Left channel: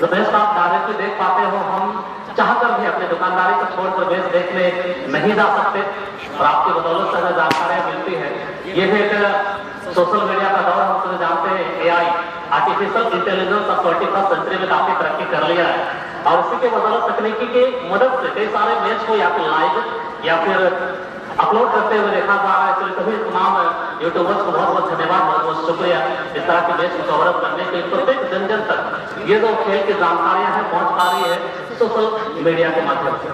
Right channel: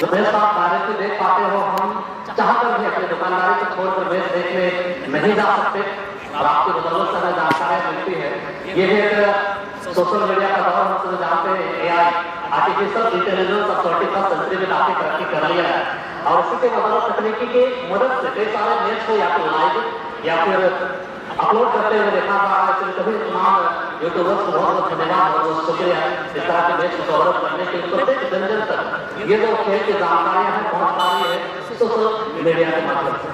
रमेश आप डायरेक्टली देख पाते हो, हम चाहकर भी अपनी दुकानदारी को छोड़कर बेच देखने नहीं जा सकते और आपकी बदौलत से हमें जानकारियां मिलती है। ये भी एक सोशल मीडिया का दौर, हम सभी जानते हैं। AI आर्टिफिशियल इंटेलिजेंस अब 21st सेंचुरी में काफी तरक्की कर लिया है और इसी के बदौलत तकनीकी की मदद से कई सारे मैच को या फिर लाइव या फिर अपलोड करते हुए देखा जा रहा है। इसलिए सभी तमाम यूट्यूबर्स को बहुत बहुत धन्यवाद, बहुत बहुत शुक्रिया इस तरह की मैच को कवर करने के लिए। प्रत्येक जन जन तक ये जो खेल की जानकारियां हैं पहुंच पा रही है सोशल मीडिया के माध्यम से।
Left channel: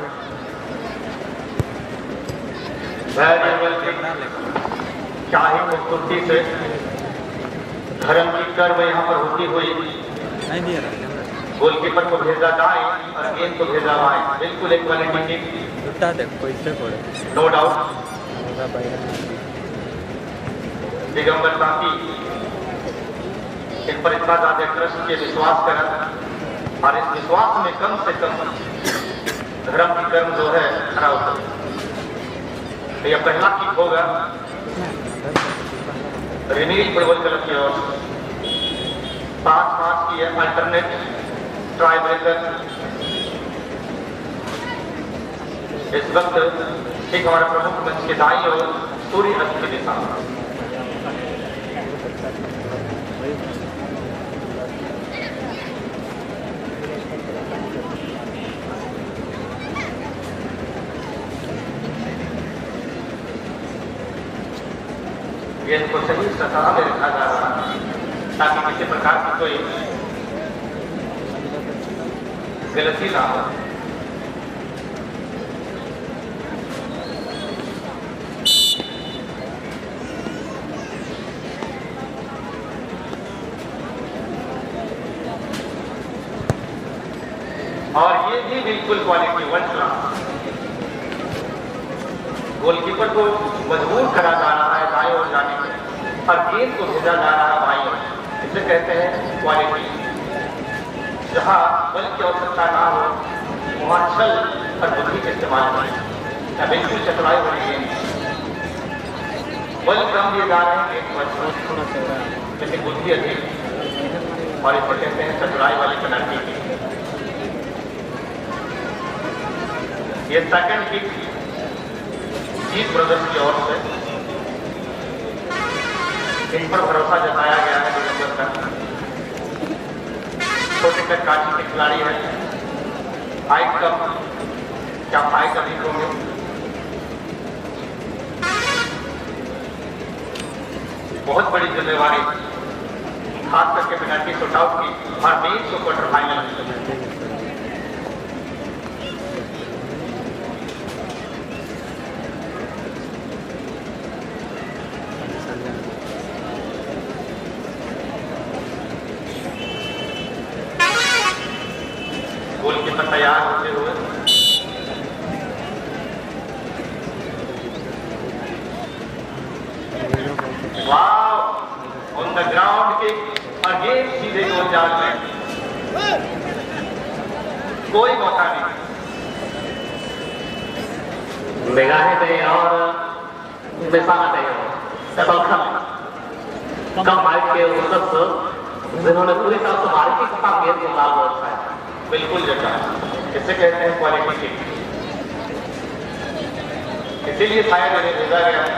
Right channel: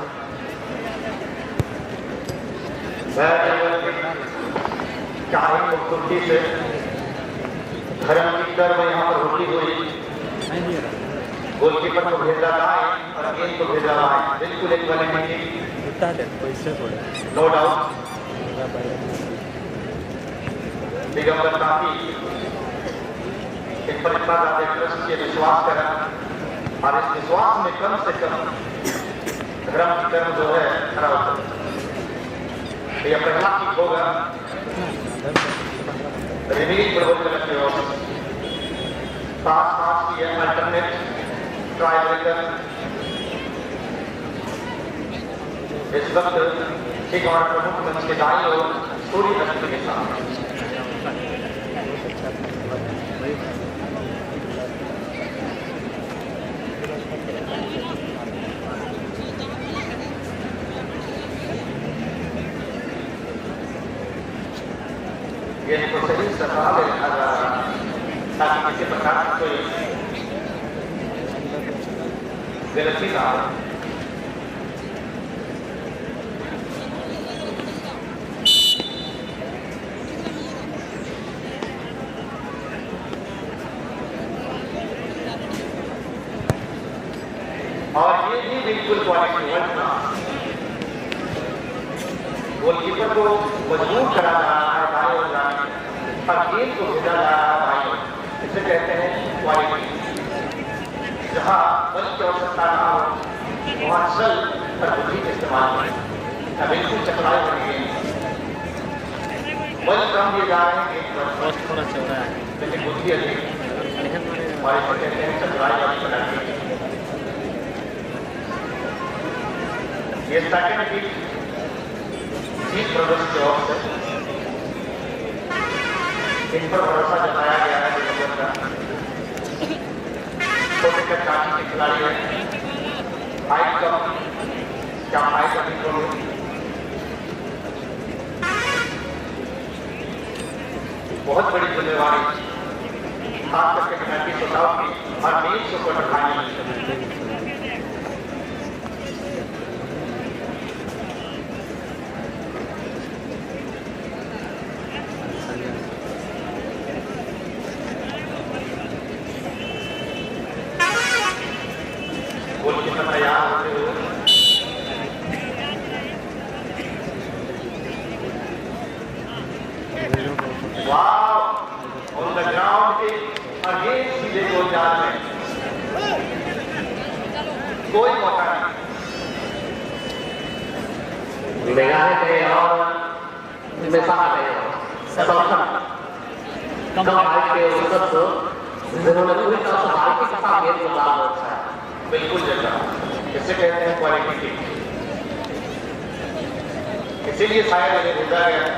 चाहे खूबसूरती से धर्म की कर्म यहाँ पर होती हुई गोलकीपर को भेजा दाएं और गेंद को भेजा बाएं, बिल्कुल एक नो डाउट। दिगंबर बाकी इन पर इतना ज्यादा ट्रस्ट के विश्वास करें और इस विश्वास में कम से कम धर्म की कर्म जो है खड़ा होता है। यह पहला किक होगा रिनील प्रवर्तन की ओर से। पास की है अल्टरनेट ट्राई ब्रेकर। इस वक्त एक हमारे प्रमुख मंच के दाईं ओर सूर्य रश्मि के साथ गेंद को सही सतह में रखा जा रहा है ताकि किसी प्रकार की कोई गलती ना हो। और ये भी बिल्कुल क्वालिटी वन गोलकीपर को मजबूर करा जा रहा है दाएं ओर जाने में और गेंद को भेजा जा रहा है बाएं ओर। इसे कहते हैं क्वालिटी। जहां बल की आवश्यकता रहा हो वहां छल और बुद्धि का इस्तेमाल है। बिल्कुल चतुराई हो रही है। बल कम दिए जा रहे हैं लेकिन बुद्धि अधिक और इसे कहते हैं चतुराई वाली चलाकी। ये सेकंड की जीत ब्रदर्स की ओर से इन पर भरोसा जताया गया है। छोटे से काटी के खिलाड़ी है। हाइट कम क्या हाइट अधिक होंगे। बहुत बड़ी जिम्मेवारी खास करके पेनल्टी शॉटआउट की और मैच को क्वार्टर फाइनल तैयार होते हुए ऑन द ग्राउंड के अगेंस्ट सीधे गोल जा रहे हैं। कोई मौका नहीं बेगाने पे और कम हाइट के जिन्होंने पूरी तरह से बारीकी के साथ गेंद को मारा होता है। बिल्कुल जैसा इसे कहते हैं क्वालिटी। इसीलिए शायद इन्हें भेजा गया।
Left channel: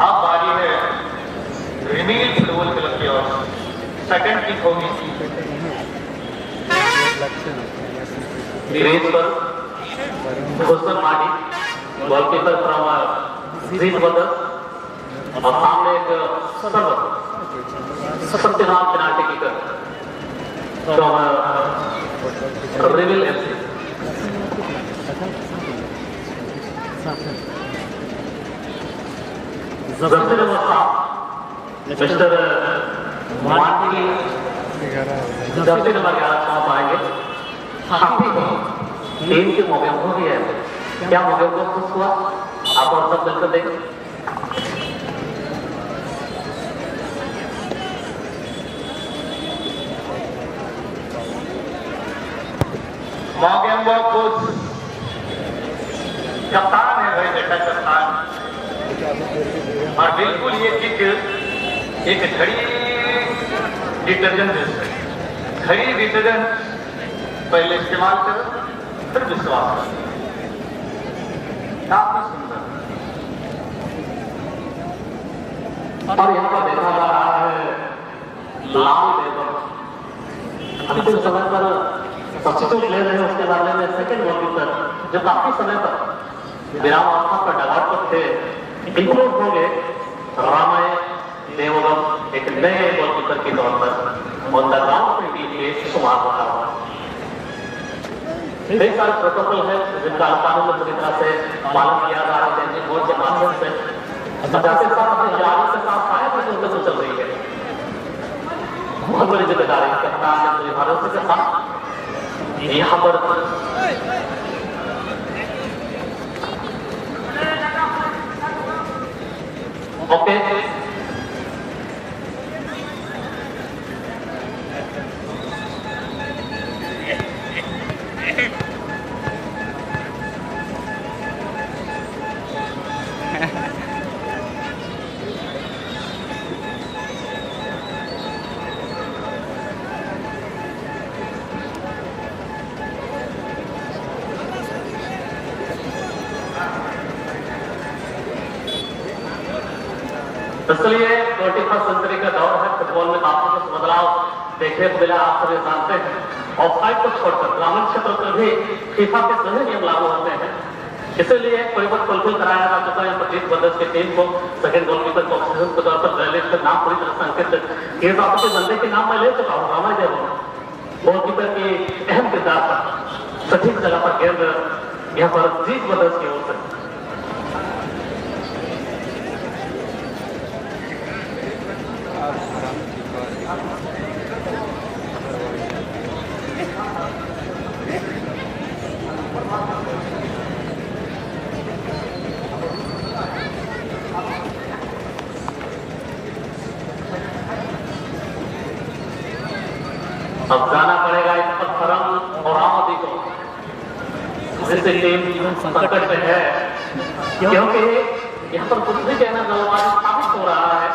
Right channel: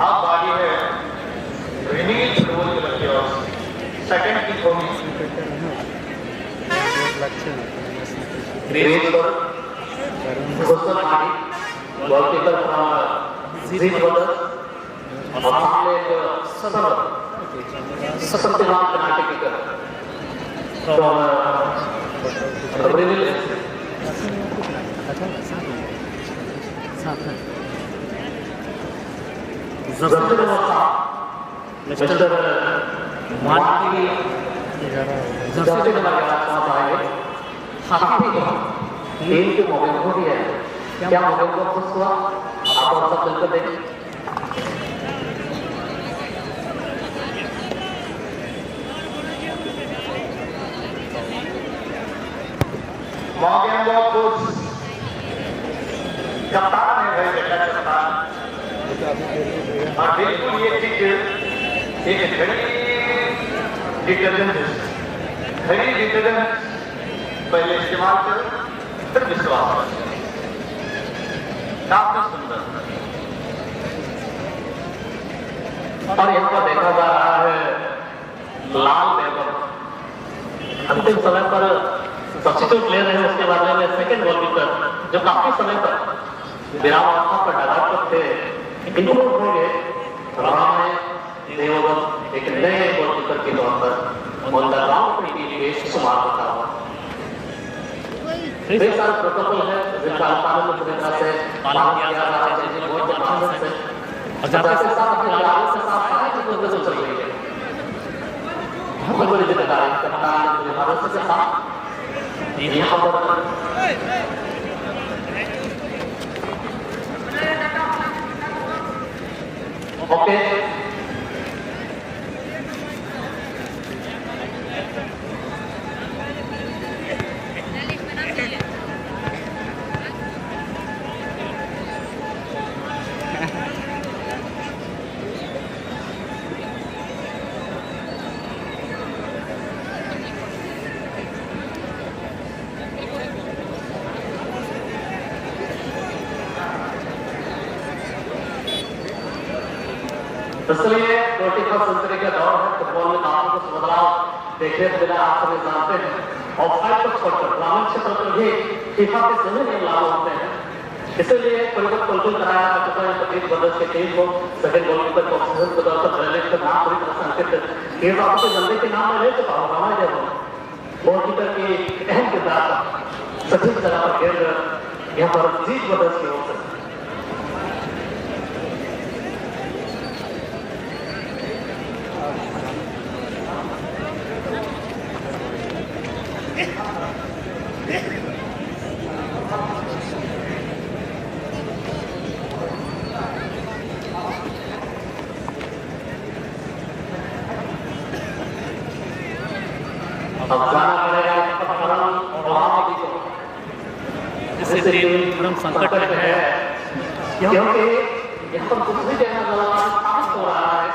अब बारी है रिनील फुटबॉल क्लब की ओर सेकंड किक होगी। गोलकीपर फ्रॉम जीत ब्रदर्स और सामने एक शक्तिमान पेनाल्टी किकर फ्रॉम रिनील मिस्टर मार्टी 11 नंबर आप आएंगे। टीम के मौके हो गया है। क्या मौके को खुश हुआ आप और सब मिलकर देखें। मॉर्गन खुश कप्तान है भाई बेटा कप्तान और बिल्कुल ये किक एक घड़ी डिटर्जेंट घड़ी डिटर्जेंट पहले इस्तेमाल करो फिर विश्वास करो। काफी सुंदर। और यहाँ पर देखा जा रहा है लाल देवर अंतिम समय पर सब्स्टिट्यूट ले रहे हैं, उसके बारे में सेकंड गोलकीपर जो काफी समय पर विराम अवस्था पर डगाट पर थे इंप्रूव हो गए। रामाय देवगम एक नए गोलकीपर के तौर पर शुमार होता है। ढेर सारे प्रोटोकॉल है जिनका कानून में पूरी तरह से पालन किया जा रहा है, जिनके बोर्ड के माध्यम से चल रही है। बहुत बड़ी जिम्मेदारी कप्तान भरोसे के साथ यहाँ पर ओके इसलिए 21st सेंचुरी का दौर है। फुटबॉल में काफी कुछ बदलाव देखने को मिला, आप सभी जानते हैं। ऑफसाइड को छोड़कर ग्रामीण क्षेत्र पर भी फीफा के सभी नियम लागू होते हैं। इसीलिए परिवर्तन बिल्कुल कराया जा चुका है। 25 बरस के टीम को सेकंड गोलकीपर को ऑक्सीजन के तौर पर ड्रेनेज का नाम पूरी तरह से अंकित किए जाते हैं। बंदे के नाम मैं ले चुका हूँ, रामाय देव गोलकीपर की अहम किरदार सचिव जगह पर खेल रहे यहाँ पर 20 बरस की ओर अब जाना पड़ेगा इस पर फरम और आबादी को, जिससे टीम संकट में है, क्योंकि यहाँ पर कुछ भी कहना गलत साबित हो रहा है।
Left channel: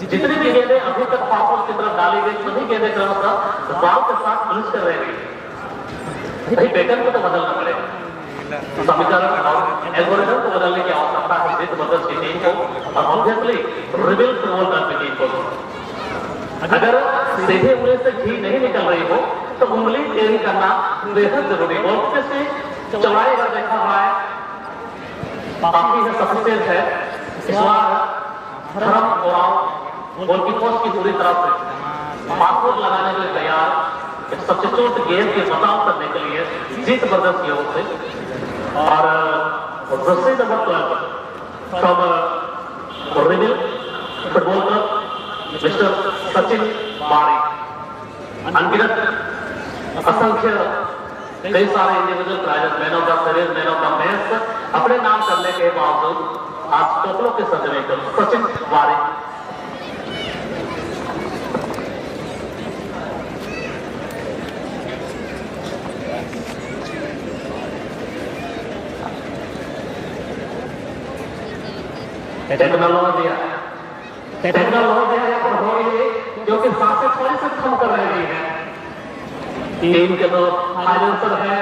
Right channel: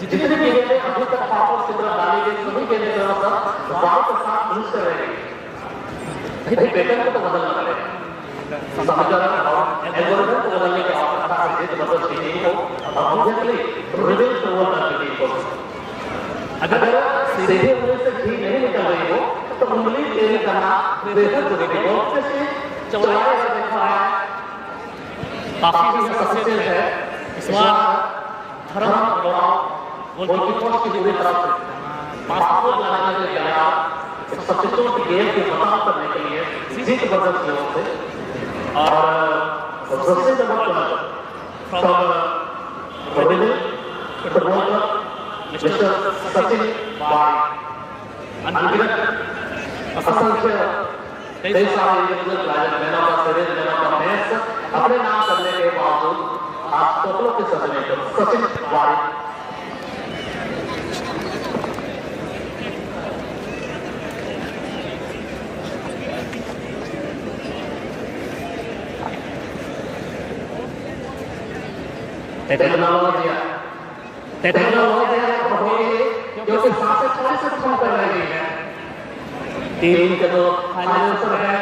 जितनी गेंदें अभी तक पापों की तरफ डाली गई सभी गेंदें बॉल के साथ यूज कर रहे हैं। भाई पैटर्न को तो बदलना पड़ेगा, समीकरण और एल्गोरिथम को बदलने की आवश्यकता है जीत बदल की टीम को और ऑब्वियसली रिबिल्ड रोल करने की टीम को। अगर सीधे उंगली से घी नहीं निकल रही हो तो उंगली चेंज करना बेहद जरूरी है। चौड़ाई अगर देखा हुआ है काफी सफिशिएंट है, इस बार गोलकीपर की पूरी तरफ से पासवर्ड लगाने के तैयार सब्स्टिट्यूट गेम के खत्म करने के लिए जीत बदल की ओर से और रस्सी number 12 football club mister Sachin Bari अनगिनत असंख्य कई सारे individual prize man of the series, man of the match अपने नाम करने के बावजूद आज टोपलों के सदमे सचिन बारी टेक्नोलॉजी क्योंकि सांसद थोड़ी से कम कर रही है। टीम के तो फाइनेंशियल है,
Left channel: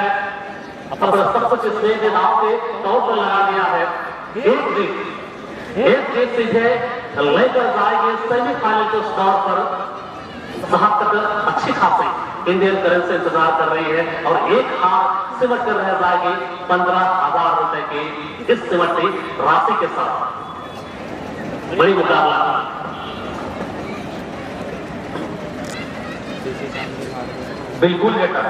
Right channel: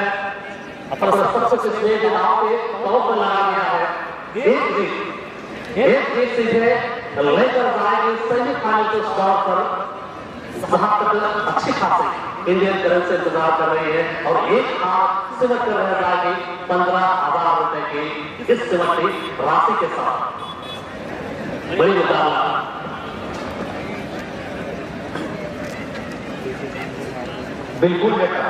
अपना सबसे स्टेज के नाम पे तौर पर लगा दिया है। एक सीधे लेकर जाएंगे सेमीफाइनल के स्टॉप पर। वहां तक अच्छी खासी इंडियन करेंसी इंतजार कर रही है और एक हाथ सिमट कर रह जाएगी 15,000 रुपए की इस सिमटी राशि के साथ। बड़ी मुकाबला बिल्कुल बेटा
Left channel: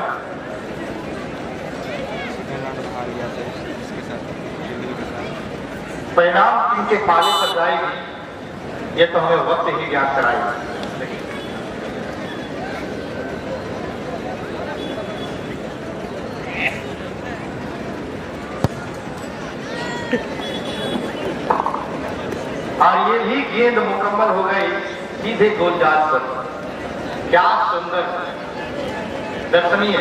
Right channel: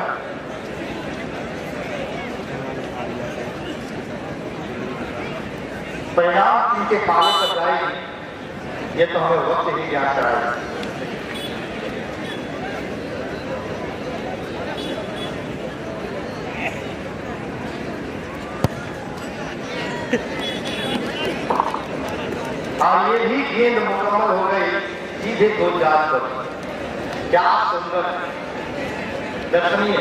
परिणाम इनके पाले तक जाएगी, ये तो हमें वक्त ही ज्ञान कराएगा। और ये ही गेंद मुकम्मल हो गई सीधे गोलजाल पर। क्या सुंदर, दर्शनीय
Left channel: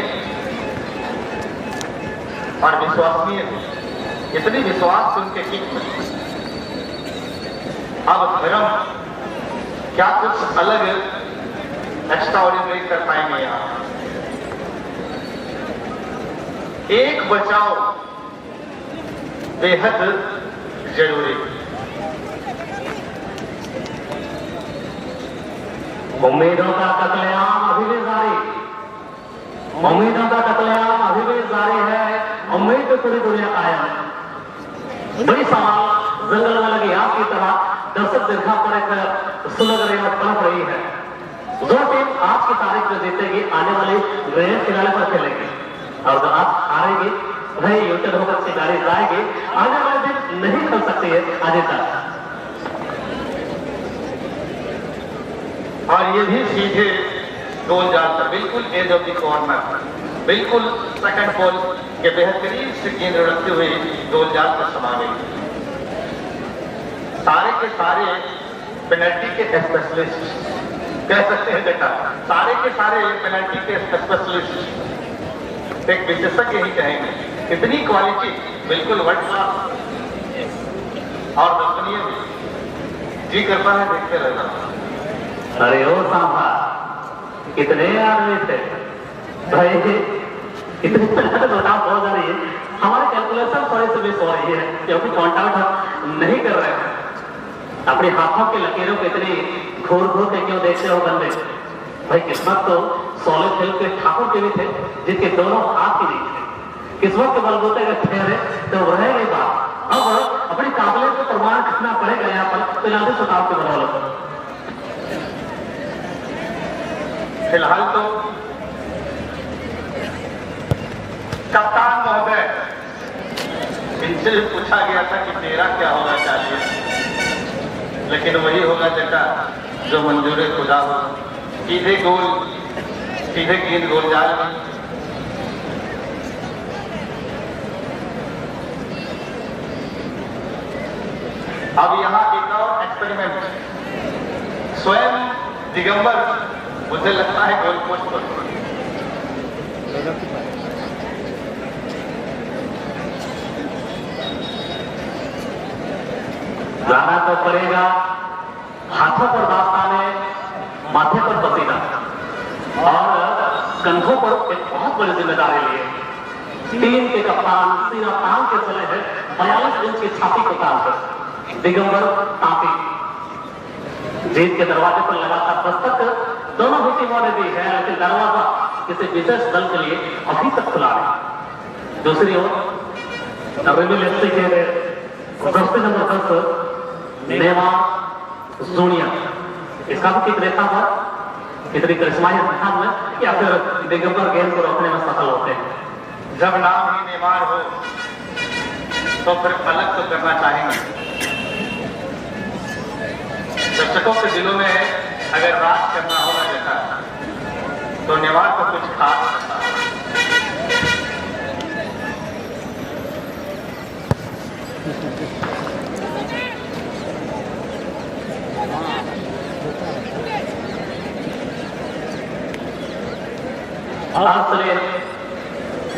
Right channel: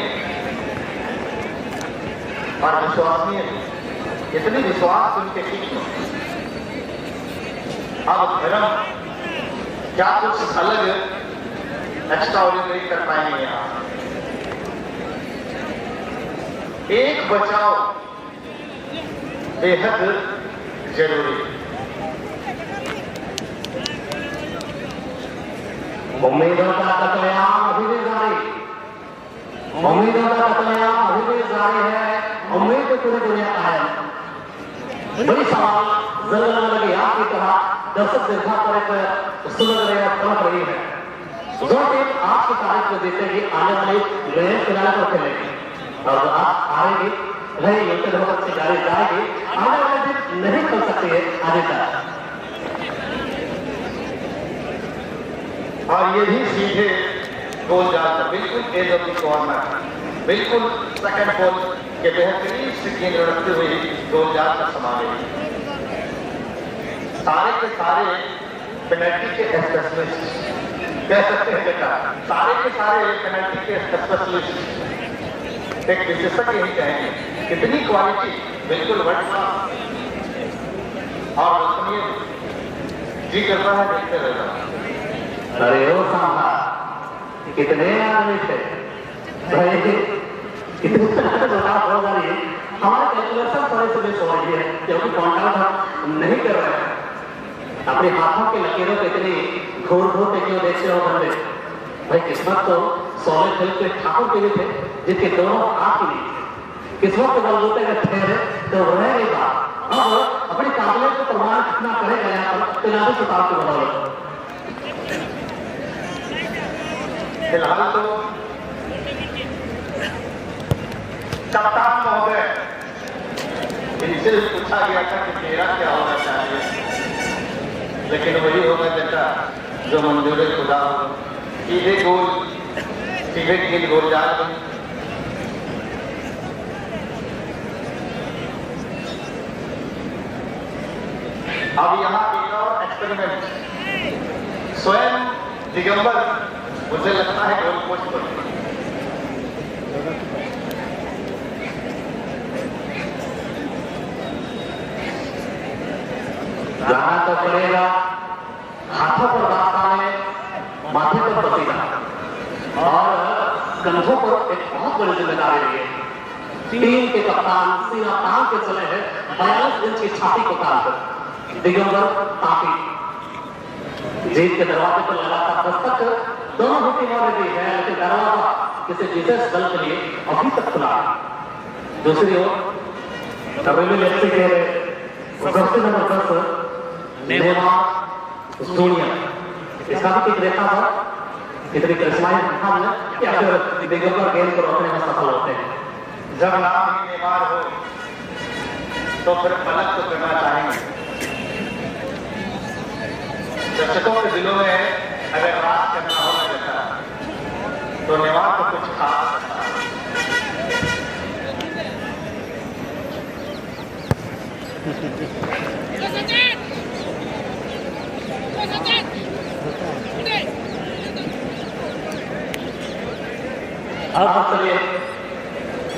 और विश्वसनीय, इतनी विश्वास उनके की अब धर्म क्या कुछ अलग एक्स्ट्रा ऑर्डिनरी कर पाएंगे आप? एक बचाव बेहद जरूरी है। उम्मीदों का कत्लेआम अभी भी जारी, उम्मीदों का कत्लेआम अभी भी जारी है। उम्मीद की पूरी दुनिया का है। बड़ी सवाल जंगल में लगी आग की तरह दर्शक दीर्घा पर एक सुलग रही तड़प रही है। जो टीम आज की तारीख में जीतेगी आने वाली ग्रैंड फिनाले पर खेलेगी, और जो आज हारेगी वही यूटन होकर से गाड़ी जाएगी। आने वाले दिन नहीं खेल सकती है आगे तक। और ये भी सीधे गोल जाकर बिल्कुल एज ऑफ द कॉर्नर, बिल्कुल सेकंड बॉल के बेहतरीन से केंद्र रखते हुए गोल जाल पर समा गई। सारे के सारे पेनल्टी के स्पेशलिस्ट कह सकते हैं बेटा, सारे के सारे पेनल्टी के स्पेशलिस्ट, एक विशेषज्ञ ही कहेंगे। इतनी क्वालिटी बिल्कुल वर्ल्ड क्लास और सुनिए जी करता है देखते रहना। अरे ओ सांभा, कितने आदमी थे भाई, इतने बताओ हो जा रही है। हमारे कैलकुलेशन थोड़ी सी मिस हो रही है क्योंकि काउंट आउट नहीं कर रहे हैं। अपने हाथों के लकीरों को इतनी घूर घूर के क्यों देखते हो बंदे? भाई किस्मत तो 16 खेल के ठाकुर के भी थे जिनके दोनों हाथ की नहीं। किस्मत को बलबूते में ठहरे तो रहेगा। अब अपनी काबिलियत का प्रमाण कितना करेगा यहाँ पर पिलानी सुताव के बदौलत। फिलहाल तो कप्तान महोदय इनसे भी पूछा गया था कि मेरा क्या होना चाहिए, लेकिन वही होगा बेटा जो मंजूर खुदा हो। सीधे गोल, सीधे गेंद गोल जाल में। अब यहाँ एक और एक्सपेरिमेंट, स्वयं दिगंबर मुझे लगता है गोल पोस्ट पर जाना तो पड़ेगा। हाथों पर दास्ताने, माथे पर पसीना और कंधों पर एक बहुत बड़ी जिम्मेदारी है। टीम के कप्तान सीना तान के चले हैं 42 इंच की छाती को तान कर। दिगंबर तापी जीत के दरवाजे पर लगातार दस्तक दोनों ही टीमों ने दी है, लेकिन दरवाजा किसी विशेष दल के लिए अभी तक खुला है। दूसरी ओर डब्ल्यू लेफ्टी के जर्सी नंबर 10 नेमार जूनियर, इसका भी एक रेखा पर इतनी करिश्माई मैदान में या फिर दिगंबर गेंद को रोकने में सफल होते हैं। जब नाम ही नेमार हो तो फिर पलक तो करना चाहेंगे। दर्शकों के दिलों में अगर राज करना होना चाहता तो नेमार को कुछ खास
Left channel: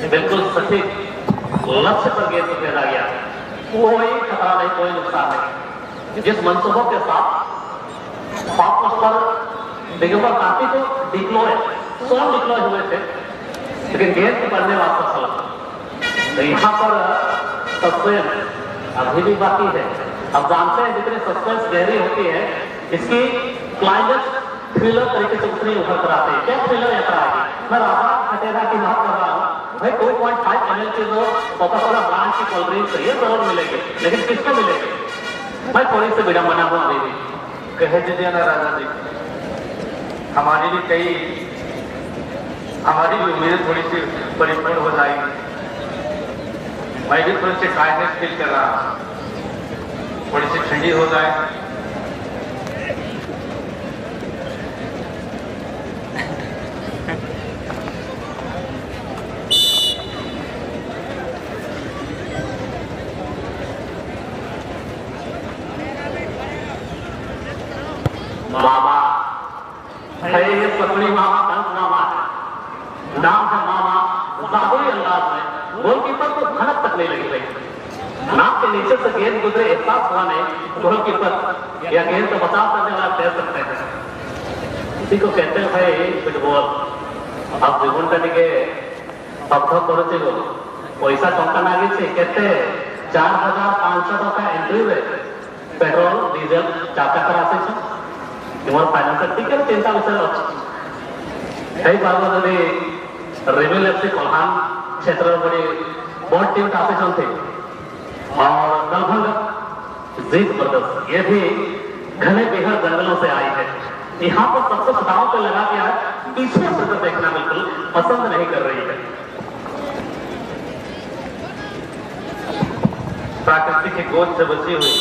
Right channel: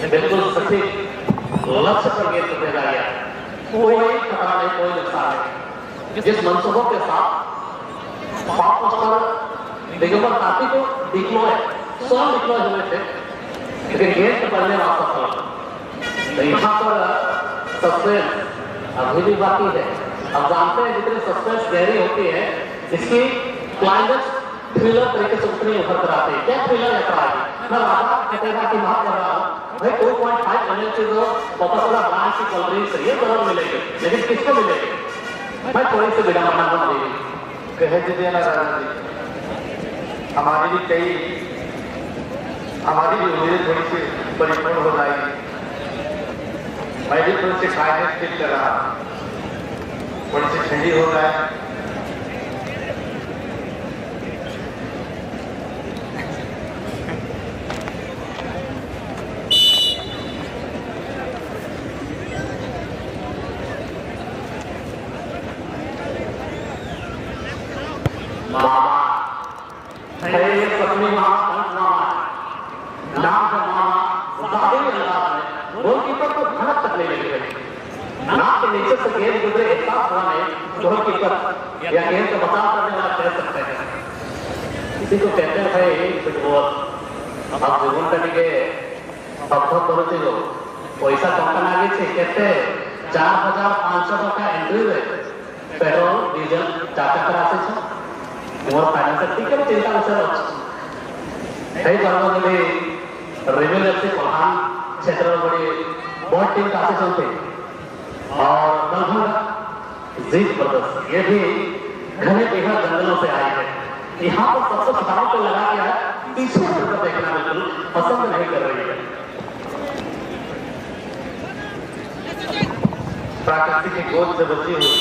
बिल्कुल सटीक लक्ष्य पर गेंद को खेला गया। कोई खतरा नहीं, कोई नुकसान नहीं। जिस मंसूबों के साथ फास्ट पर दिगंबर काफी को डिप्लॉय 100 डिप्लॉय हुए थे, लेकिन गेंद पकड़ने वास्ता चला। तो यहाँ पर सस्पेंस अभी भी बाकी है। अब जानते हैं जितनी सस्पेंस गहरी होती है, इसकी क्लाइमेक्स थ्रिलर तरीके से उतनी उभर कर आती है। क्या थ्रिलर यात्रा है? मैं राजा कटेगा की बात कर रहा हूँ भाई। 2.5 ml से जो कोका-कोला ब्रांड की कोल्ड ड्रिंक चाहिए जरूर मिलेंगे, लेकिन किसको मिलेंगे? मैं थोड़ी सी विडंबना बन रही कह दीजिए ना राजा जी, हमारी भी उम्मीदें थोड़ी सी परिपूर्ण हो जाएगी। मैं भी थोड़ी सी काइंडनेस फील कर रहा हूँ, थोड़ी सी ठंडी हो जाए। मामा है पत्नी मामा कंठ मामा नाम है मामा, जादुई अंदाज में गोलकीपर को भनक तक नहीं लगी गई। नाक के नीचे से गेंद गुजरे एहसास हुआ नहीं, गोलकीपर या गेंद का बचाव करने वाला कह सकते हैं। इसी को कहते हैं भाई फुटबॉल। अब जीवन कनिके अभ्यास करुचे जो पैसा टंका लागे केते 4500 टका एंट्री रे पेट्रोल डीजल टाका कर आसे छे मोर फाइनेंस टिके चिंता विषय अछि। कई बार में रेगुलरली प्रधान क्षेत्र में बहुत टीम आसे चलते और लगभग जीत ब्रदर्स ये भी घने बेघर जंगलों से आए हैं। यहाँ पर सबसे दाव पे लगा के आए, पीछे मुड़कर देखना बिल्कुल पसंद नहीं कर रही है। प्राकृतिक की गोद से बची हुई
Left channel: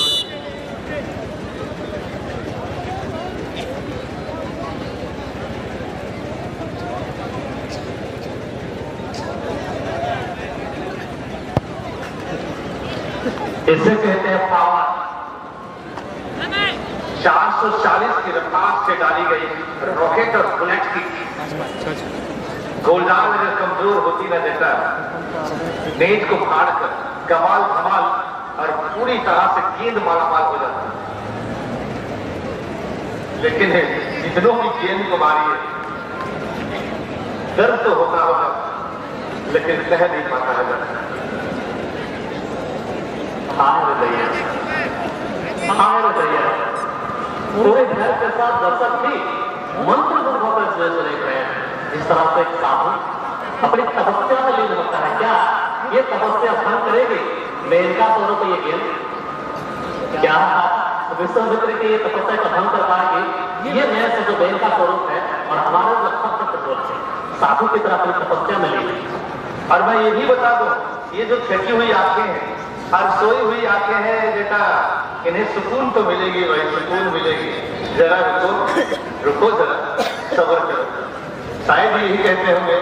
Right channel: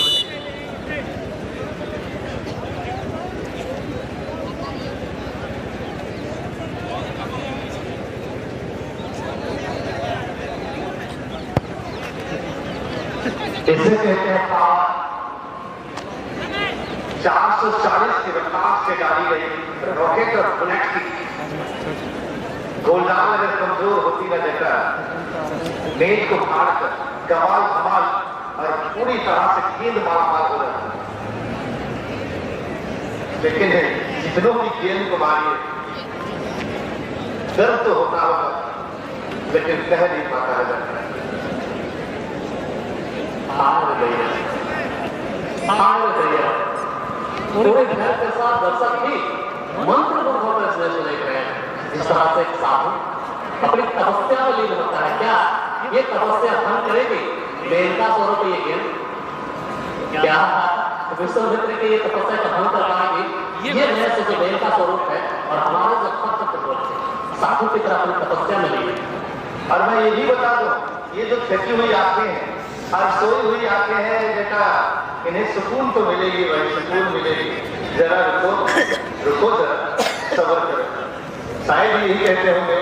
इसे कहते हैं पावर। 440 की रफ्तार से डाली गई रॉकेट और बुलेट की गोलदार में कमजोर होती न देता नेट को फाड़कर कमाल धमाल और पूरी तरह से गेंद मालामाल हो जाता। लेकिन जितनों की गेंद को मारी दर्द तो होता होगा लेकिन कह नहीं पाता है। पूरे घर के साथ दर्शक भी मंत्र देख रहे हैं। जिस तरह से साधु अपनी तपस्या में लीन होता है, क्या ये तपस्या भंग करेगी मेनका स्वरूप ये गेंद? क्या विश्वामित्र की ये तपस्या का भंग कर पाएगी? ये नए से जो मेनका स्वरूप है और हमारा जो भक्त स्वरूप है साधु की तरह अपनी तपस्या में लीन। और मैं ये भी बता दूं, ये जो थकी हुई आंखें हैं और सोई हुई आंखें हैं बेटा, इन्हें सुकून तो मिलेगी, वही सुकून मिलेगी। जरा रुको रुको, जरा सब्र करो। शायद यही कहते होंगे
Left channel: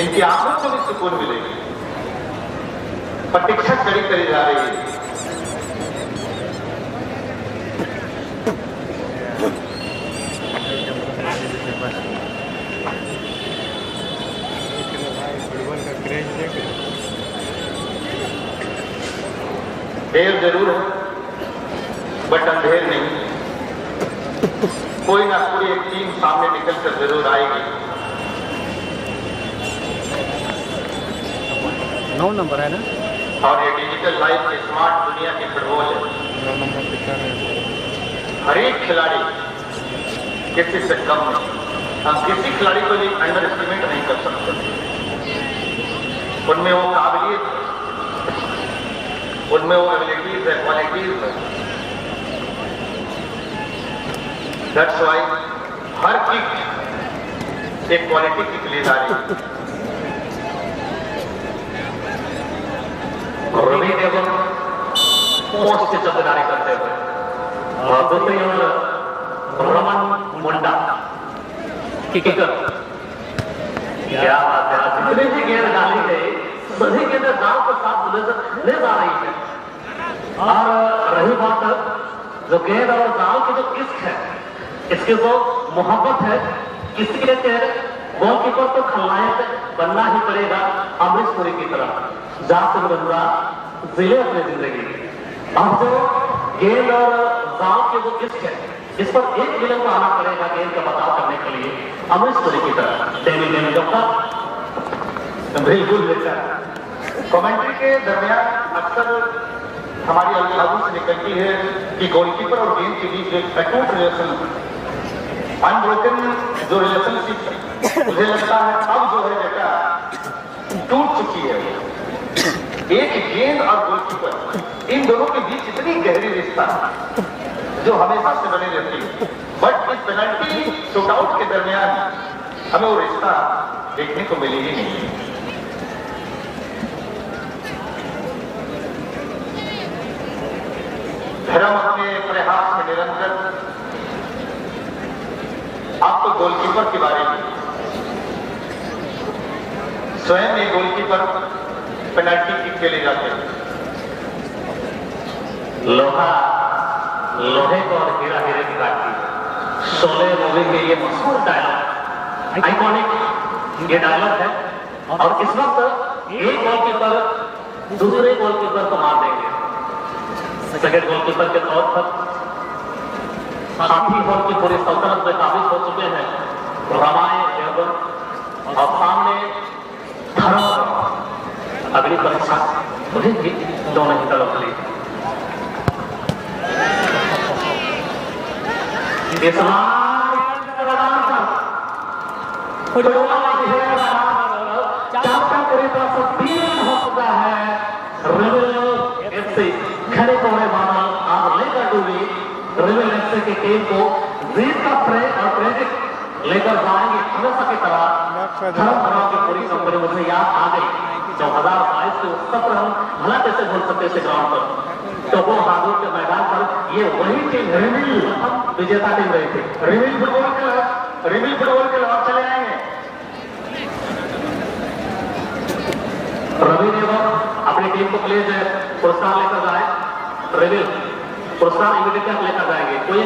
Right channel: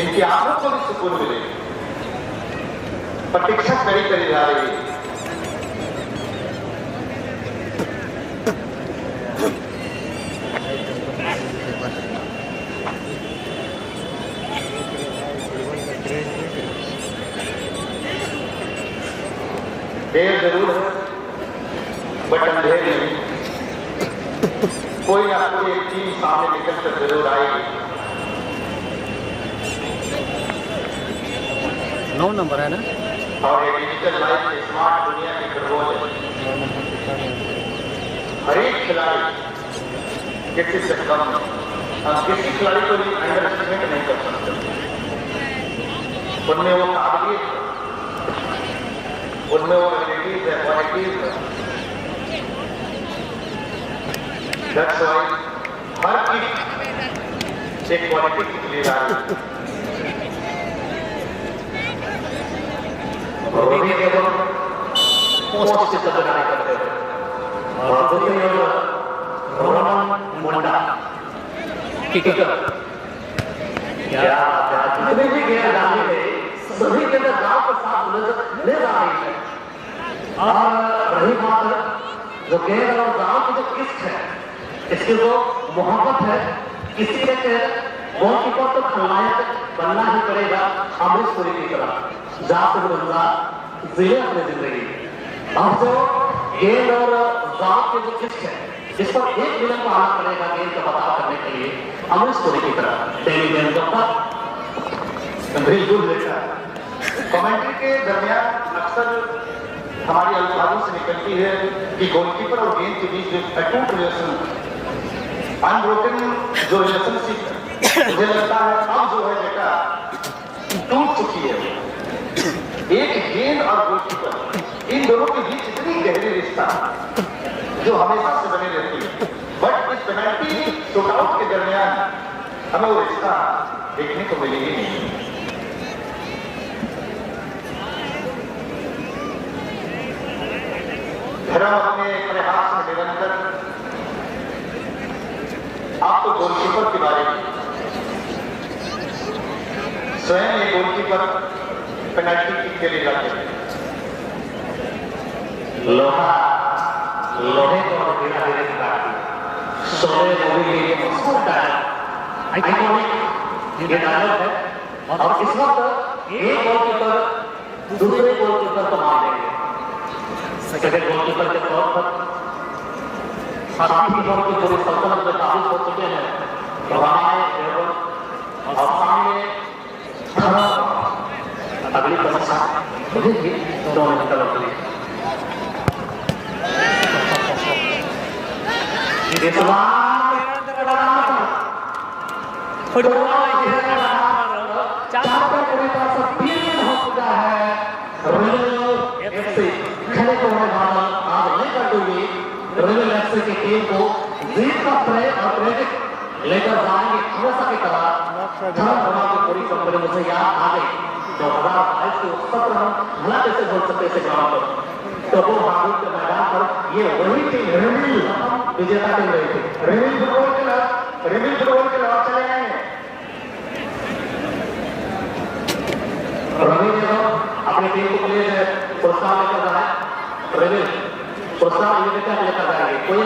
इनकी आंखों को भी सुकून मिलेगी। प्रतीक्षा कड़ी करी जा रही है। देर जरूर है बट अंधेर नहीं। कोई ना कोई एक टीम सामने निकल कर जरूर आएगी। 9 नंबर है ना। और ये डिजिटल लाइफ की स्मार्ट दुनिया की फुटबॉल है। हर एक खिलाड़ी किसी से कम है। हम किसी खिलाड़ी को भी अंडर एस्टिमेट नहीं कर सकते। उनमें वो काबिलियत, उनमें वो एबिलिटीज है, क्वालिटीज है। दैट्स व्हाई हर किक एक क्वालिटी की लिए जा रही है। रवि देवल पोस्ट से चलनारी करते हैं और दूसरी ओर रोहन मुंडा किकर। क्या जितने भी गेंद डाली है सभी गेंद दाव के साथ ले जा रही है। और रही बात जो गेंद और दाव की जो इश्क है, इसकी जो मोहब्बत है, किसी ने गोलकीपर तो खलनायक बनना ही पड़ेगा अमरीश पुरी की तरह। जात बदला जिले अपनी जिंदगी। अब जो गेंद और गांव के जो किस्त है इस पर एक विलन को आना पड़ेगा गेंद का पता करने के लिए अमरीश पुरी की तरह। डेली गेंद का बिल्कुल बेटा। कमेंट्री के दरमियान अक्सर हमारी अल्फाजों से निकलती है कि गोलकीपर और गेंद के बीच एक अटूट रिलेशन, अनब्रोकन जो रिलेशनशिप मुझे लगता है अब जो है बेटा टूट चुकी है। एक गेंद और गोलकीपर, इन दोनों के बीच इतनी गहरी रिश्ता जो हमेशा से बने रहती है, बट इस पेनल्टी शूटआउट के दरमियान हमें वो रिश्ता देखने को मिलेगी नहीं। धर्म अपने प्रयास में निरंतर। आप तो गोलकीपर के बारे में स्वयं ये गोलकीपर पेनल्टी किक के लिए जाते हैं। लोहा लोहे को गिरा गिरा की बात की। शोले मूवी में ये मशहूर डायलॉग, आइकॉनिक ये डायलॉग है। और इस वक्त एक गोलकीपर दूसरे गोलकीपर को मार देंगे। सेकंड गोलकीपर के तौर पर साथी होकर पूरे सल्तनत में काबिज हो चुके हैं हमारे और सामने अगली परीक्षा दोनों की तरफ के टीम को जीत का श्रेय और क्रेडिट लेकर जाएंगे हमेशा की तरह पूरी कंपनी मुझे याद आ गई 2022 के सत्र हम भला कैसे भूल सकते थे ग्राउंड पर तो वो हादुर के मैदान पर ये वही टीम रेमिल विजेता टीम रही थी रेमिल फुटबॉल के लड़ाई चले आएंगे रवि ने अपनी टीम को प्लेज प्रोत्साहन लेकर जाए रेमिल प्रोत्साहन लेकर जाएंगे कोई